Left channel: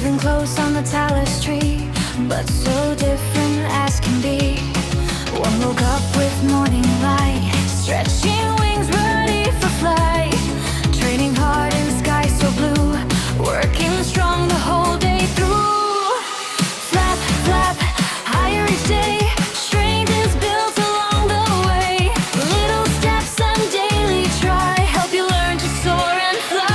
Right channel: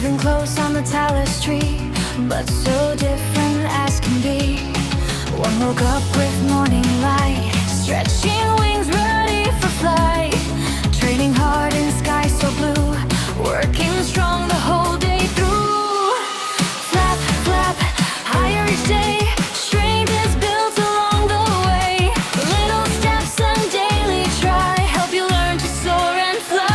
living close on the talus tree, but so different as can be. One woke up with morning light, stretching wings ready for flight, training hard in sky so blue, working strong the whole day through. Flap, flap, higher each day, strength is built along the way. Little steps and daily try help you learn to soar and fly.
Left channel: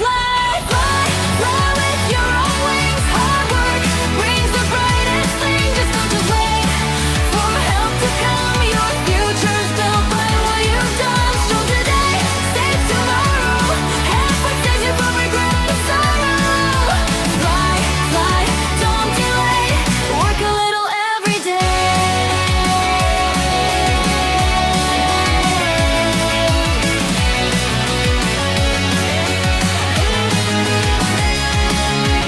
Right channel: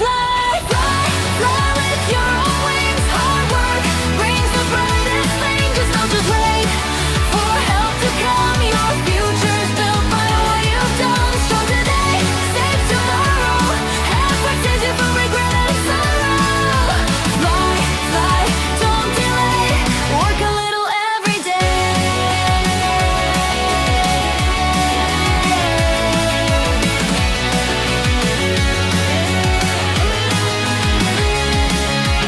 Fly, fly, fly with your own wings. Hard work brings the brightest thing. Just wait for help to come. Your future's built by what you've done. Strong today, safe tomorrow. Effort saves you from regret and sorrow. Fly, fly, don't delay. Work a little every day.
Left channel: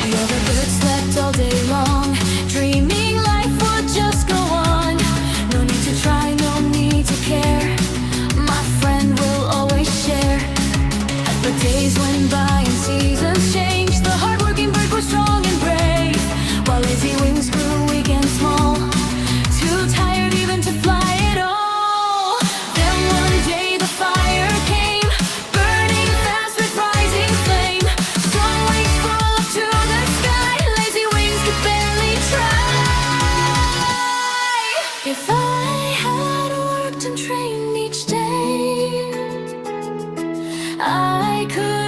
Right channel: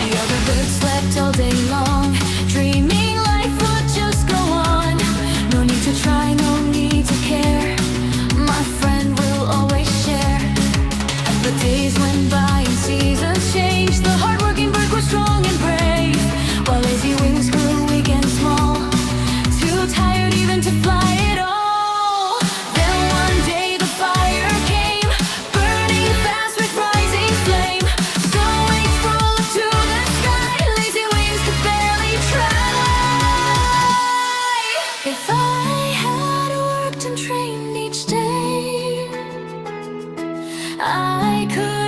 The other birds slept all day long, dreaming life would just go on. No need to try, no need to care. My friend will always share. But days went by and seasons changed. The hardworking bird grew strong and brave, while lazy wings grew weak and small, too tired even to fly at all. Then one day the fire came, burning fast with rising flame. So wings flew up to the sky, lazy wings could barely try. If I had worked and trained each day, I could